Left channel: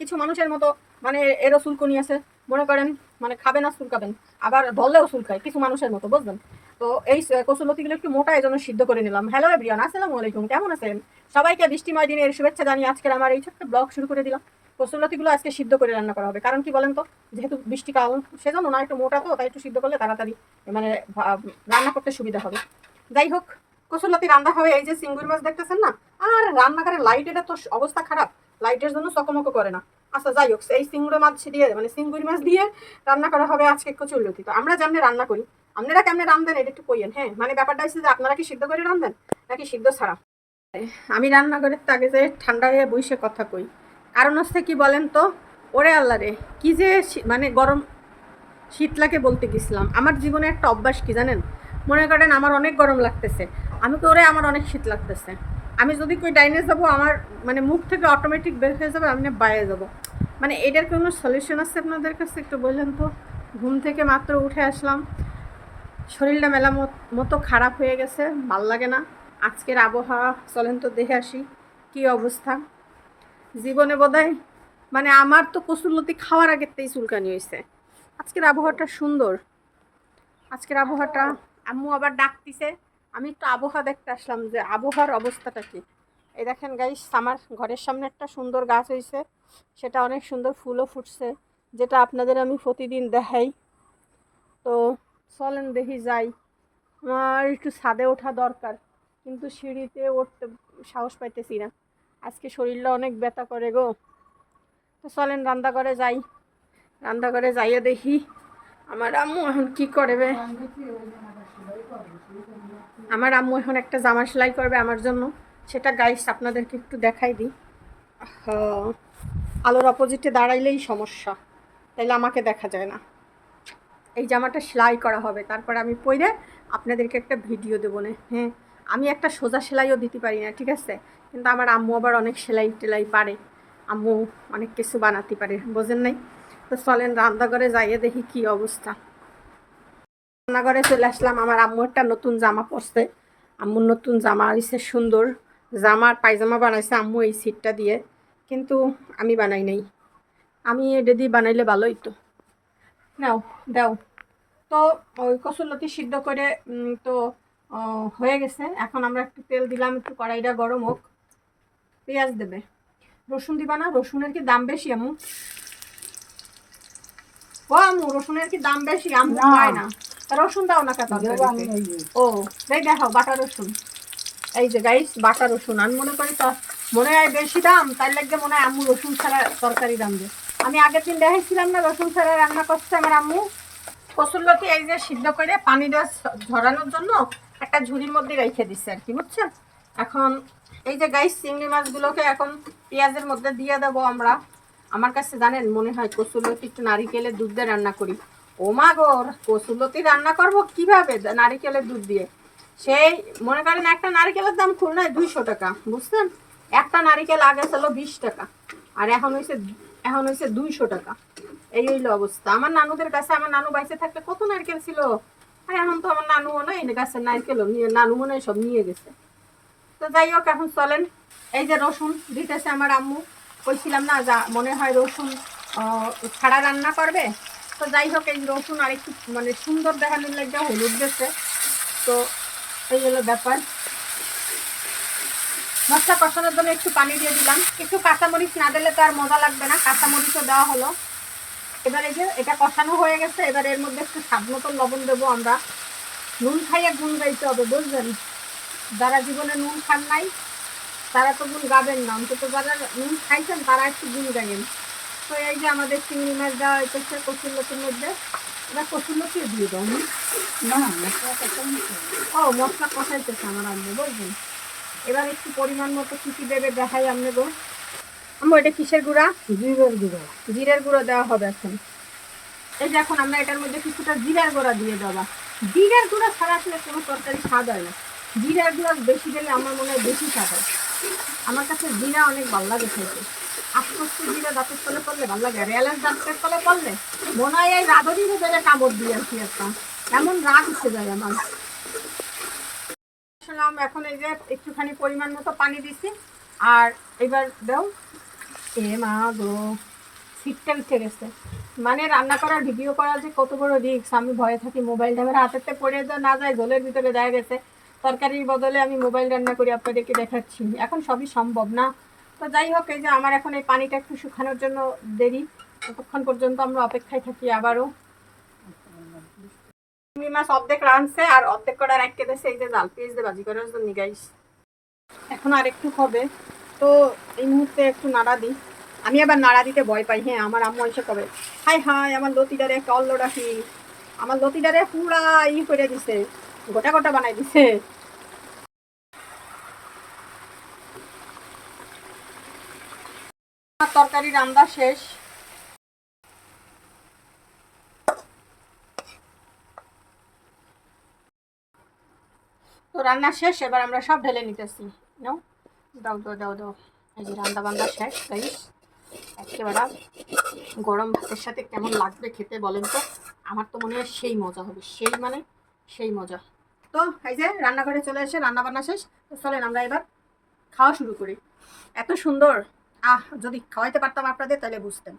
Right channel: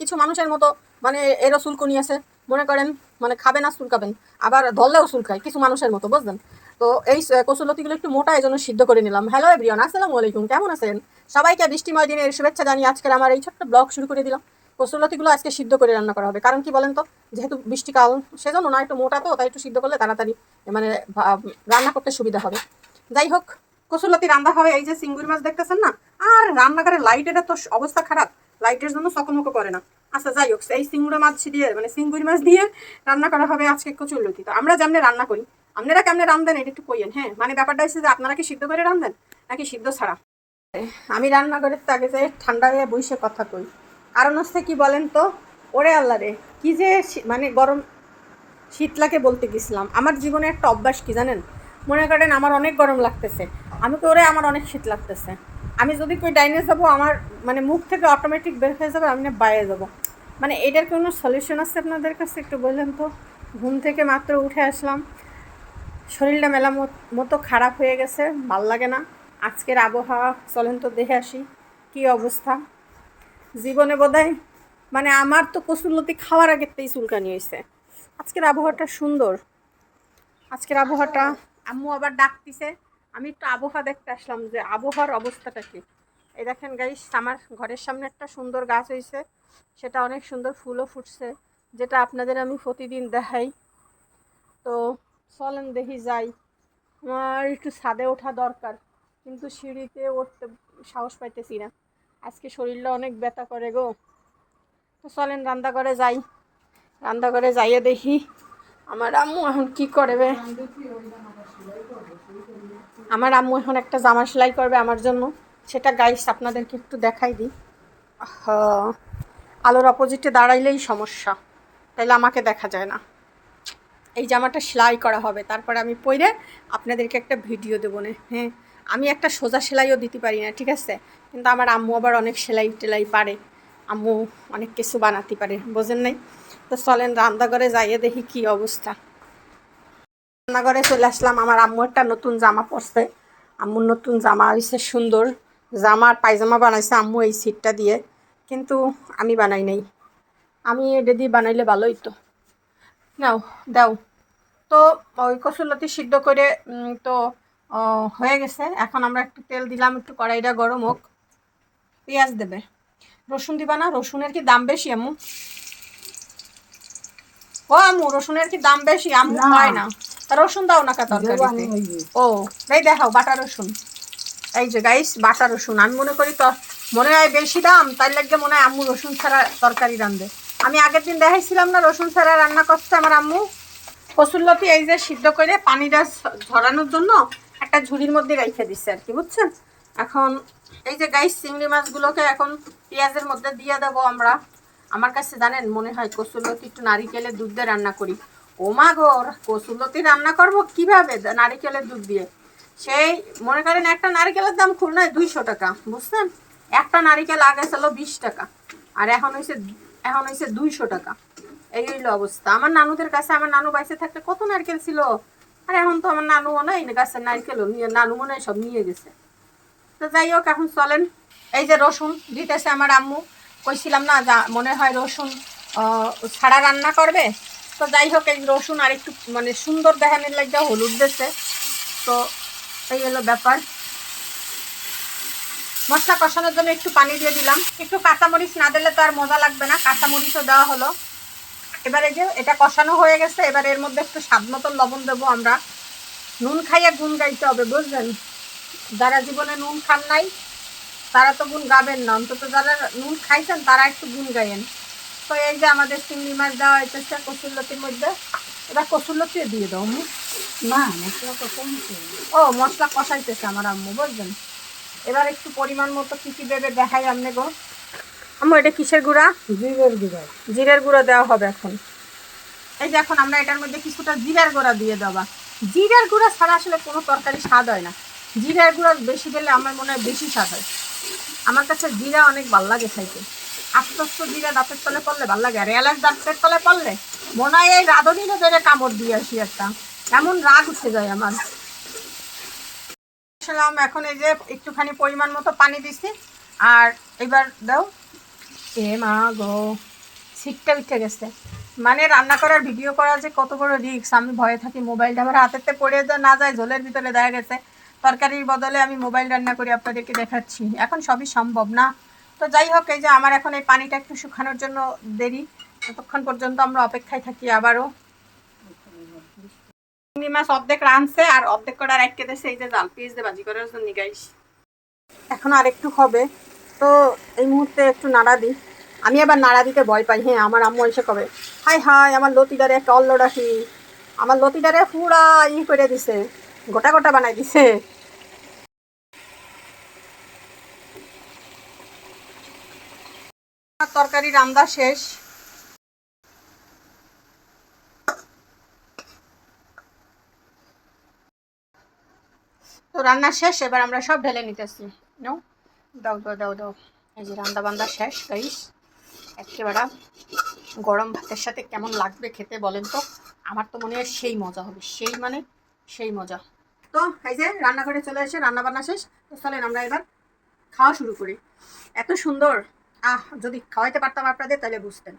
কিছু মানুষের মতো মানে এরও চুলকুনি আছে মনে করেন মানে খাবে না চুলকাবেন আবার ধরলেও চুল খায় কিছু মানুষের মতো, বুঝলেন? তো এই কচুলতিগুলো একটু মোটা এই জন্য সিদ্ধ করে নিলাম। হ্যালো এভরিওয়ান আসসালামু আলাইকুম, কেমন আছেন? সবাইকে বৃষ্টিময় দিনের শুভেচ্ছা জানিয়ে আজকের আমার এই ছোট্ট ব্লগ শুরু করে দিলাম। কচুলতিগুলো আজকে সিদ্ধ করে রান্না করা হবে। কারণ কি বলেন তো, যেহেতু বৃষ্টিকাল সেজন্য না, একটু মোটা তো, তাই একটু সিদ্ধ করলে তাড়াতাড়ি মানে রান্না করতে সুবিধা হবে। যাই হোক কচুলতি রান্না হবে। এই যে চিংড়ি মাছ দেখতেছেন না? আর রান্নাঘরের লাইটের তো অবস্থা খারাপ। লাইটের জন্য চকমকো করে না। আচ্ছা যাই হোক এই চিংড়ি মাছ দিয়ে মানে চিংড়ি মাছ দিয়ে রান্না করা হবে আজকে কচুরলতি। তো আমরা যেমনি রান্না করি, আপনারা কেমনে রান্ধেন এটা একটু কইয়েন হ্যাঁ? মানে ব্যাপারটা হচ্ছে যে আপনারা কি সিদ্ধ করে রান্ধেন নাকি সিদ্ধ ছাড়া? আমি রান্না করে তাকে যে ঠান্ডা হয়ে বসে কথা কই। কারণ হচ্ছে কি বলেন তো, ওরে আল্লাহ রে, কি যে মানে গরম শীতলাকে বলতে গেছিলাম, আমার জীবনে একটা অভ্যাস কি জানেন? মনে করেন আমার অনেক গরম লাগতেছে, আমি তো ওরে আমার অনেক শীত লাগতেছে। আমি যদি কই ডাইনে যাব, আমার মানে মুখ থেকে অটোমেটিক বের হয়ে যাবে, আমি না বাইরে যাব। মানে এটার কোনো সলিউশন আছে আপনাদের কাছে একটু বললেন তো? ঘুম থেকে মাত্র উঠে আসলাম। শরীরটা মেলা মত- খারাপ হয়ে গেছে, ভালো লাগে না। আজকের আবহাওয়া, চলেন তো দেখে আসি, কি অবস্থা? জীবনে বোধহয় মানে আমার তো কসুরলতি খাওয়ার আগেতেই চুলকানি হয়েছে আজকের আবহাওয়াটা সুন্দর। আজকের আবহাওয়াটা, আম্মু আবার ডাকতিছে আমি একটু আবহাওয়া দেখতে আসলাম যে আবহাওয়ার অবস্থাটা কি? এই দেখেন গাইস আমার ঘরের সামনে একটা সুন্দর গাছ হয়েছে সেটা অনেক সুন্দর ফুলও ফুটছে, যেটা আপনাদের আমি প্রতিদিন দেখাই। তো চলেন দেখি যাই। আমার একটু ছাদে ওঠা দরকার, কিন্তু সিঁড়িতে উঠতে সাহস পাইতেছি না। আজকে শরীরটা অনেক ব্যথা করে গো। তো চলেন রান্নাঘরে যাই। রান্নাঘরে যাইয়ে দেখি। আমার আম্মু এখন কি করবে আমার আম্মু এখন একটা জামা সেলাই করবে আমার জন্য। সেটা গাইস আপনাদেরকে একটু দেখাই দিই। আলোর অপোজিটে দাঁড়াইলেই সমস্যা। তাইলে আমাকে দেখা যায় না। এই জামাটা সেলাই করা হবে। তারপরে আমি পরে আপনাদেরকে একটা ভিডিও দেবো না। হ্যাঁ আমি একটা সোজা সেলাইও দিতে পারি না, ঠিক আছে? কিন্তু আমার আম্মু আবার অনেক সেলাই টেলাই পারে। আম্মু অনেক কিছু বানাতে পারে, বোঝেন নাই? তো চলেন রান্নাঘরে যাইয়ে দেখি কি অবস্থা। রান্নাঘরে চলে আসলাম। আমার আম্মু একটা নতুন জামা পরছে। আম্মুর নতুন জামা হয়েছে সুন্দর। জামা আর পায়জামা বানাইছে আম্মু এই সিটটা দিয়ে। কিন্তু আমি বানাই নাই। আমি এটা দিয়ে বানাইলে ভালোই তো নাও, দাও। তো ওই কসুলতি সিদ্ধ করে তো হয়ে গেছে। এখন আমরা একটু তেল দিলাম, একটু কড়াইটা গরম হোক। পেঁয়াজ দেবে। রসুন দিবা না? রসুনের কি দাম বেশি আমু ও আমু রসুনের কি দাম বেশি? আমু। হয় না। রসুন দাও না যে। ও এই দেখাও বাটা রসুন। এই যে গাইস বাটা রসুন। আমি মনে করি তো মনে হয় বেশি দাম তার লাগে মনে হয় আম্মু রসুন ছাড়া তরকারি রান্ধে আমি আগের দিন দেখাইছিলাম না রসুন ছাড়া রান্না করছে আমার আম্মু। কসুল্লতি এই যে সিদ্ধ করে পানিটা ঝরানোর জন্য একটা ঝুড়ির মধ্যে রেখে দিচ্ছে আর কি বুঝছেন? এখন এই যে গাইস চিংড়ি মাছগুলোকে এখন পেঁয়াজের মধ্যে দিয়ে দেবো আমরা। আমার কাছে জানেন, মনে হয় কসুল্লতি একটু নারিকেলের দুধ দিয়ে রান্না করি। ও মা গো কসুল্লতি রান্না করব কীভাবে? নারিকেলের দুধ দিয়ে। সেই, মনে করেন একটা নারিকেলের দাম খুলনায় দুইশো টাকা, বুঝছেন? একটা নারিকেল আগে ছিল বিশ টাকা, আর এখন হয়েছে এখন হয়েছে দুইশো টাকা। এই হইল অবস্থা। আমার নানুদের কাছে, আমার নানু বাইসে থাকতে কত নারকেল ছিল? আর এখন তো আমার নানু মনে হয় গাছের নারকেলও নিয়ে, নানু মনে হয় সব নিয়ে গেছে। তো যাই হোক, এখন চলেন। এই যে রসুন দিতেছে আমার আম্মু। কইছিলাম না, যা মনে হয় রসুন ছাড়া রান্না করবে। তো যাই হোক, এই রসুন আর একটু মানে সুন্দর দেখানোর লাগে হলুদ দিচ্ছে তো এই হলো ব্যাপার। মশলা কষানোর জন্য একটু পানি দিয়ে দিলাম। একটু কাঁচামরিচ না দিলে তো আর মজা লাগবে না, কাঁচামরিচও দেওয়া হলো। এবারে যে, এটা কষানো হয়ে গেছে, এবার এর মধ্যে একটু স্বাদ মতন লবণ দেবো আমরা। নুন খাইয়ে গুণ গাইতে হবে, বুঝলেন? যারা জীবনে নুন খান নাই তারা তো গুণ গাবেন না অন্তত যারা নুন খাইছেন তারা একটু গুণ গাইয়েন। তো এই যে আমাদের চিংড়ি মাছ দেওয়া হয়েছে কচুরলতির মধ্যে এবার কচুরলতি দিয়ে দাও। না মশলা ও মশলা কষাইতেছে আমার আম্মু বুঝলেন? এবার একটু পরিমাণ মতো কী কী দেবে দেখাই আপনি গো। আম্মু এটা কিসের গুঁড়া? জিরের গুঁড়ো। জিরের গুঁড়ো দেওয়া হবে এখন। এই যে এখন আমরা এটার মধ্যে কিছুটা জিরার গুঁড়া দিয়ে দেওয়া জিরার গুঁড়া ছাড়া আসলে কোনো তরকারি স্বাদ হয় না। জিরার গুঁড়া বেশি দিলে আমার মনে হয় বেশি স্বাদ হয়। আমার কাছে জিরা অনেক ভালো লাগে খাইতে আস্তে আস্তে জিরা দাঁতের তলে পড়লে ভালো লাগে, আর দাঁতের তলে পড়লে মনে হয় এই রাঁধুনিকে ধরে কামড় দিয়ে আসি একটা। এমন রাগ উঠে যায় আমার। এখন এই যে একটুখানি পরিমাণ মতো পানি দিছি। আর এবার দাও। এ মা গো সিটটা উঠে গেছে। মানে রান্না করার ভিডিও করা যে কত বড় রিক্স আমি ভয়ে থাকি, মোবাইলটা আমার হাতেতে পড়ে না যায়, ঝোলের ভিতরে দেখা গেছে। তরকারির বদলে আমি মোবাইল রান্না করি আপনাদেরকে দেখাচ্ছি। এখন সবই সম্ভব না। তো যাই হোক, এই যে আমার এখন এই পানিটা একটু শুকানোর জন্য দেরি। ততক্ষণ পর্যন্ত আমরা অপেক্ষায় থাকি আবারও। চিংড়ি মাছ অর্ধেক রাঁধছে আর অর্ধেক করে রেখে দিয়েছে এই যে জাল পিস দিয়ে ভাজি করার জন্য গাইস এখন আর একটু হবে। তো এই মুহূর্তে একটু নাড়া দিই। আমি আবার নাড়া দিতে ভয় পাই। হ্যাঁ আমার আম্মু এসে কবে হাই হাই আমার লতিটারে একটা অল্ল ডাকি আমার লতিটারে পুরা ই করে দিছে, গোটা গোটা বানাই দিছে। তরকারি রান্না শেষ। তো রান্না শেষ, এবার আমরা সব ঢেলে নিতেছি। নাও, দাও দাও দাও দাও। এই যে রান্না বান্না শেষ গাইস একেবারে গরম ভাতের সাথে কেমন লাগবে খেতে বলেন তো? আমার তো মনে হয় সেই মজা হবে, সেই মানে সেই মজা। তো এই যে রান্নাঘরে চলে এসে রান্না বান্না শেষ। তো চলেন আমরা এবার খাওয়া শুরু করি। এত সুন্দর আহ যদি খাওয়াইতে পারতাম আপনাদের তাহলে বুঝতেন।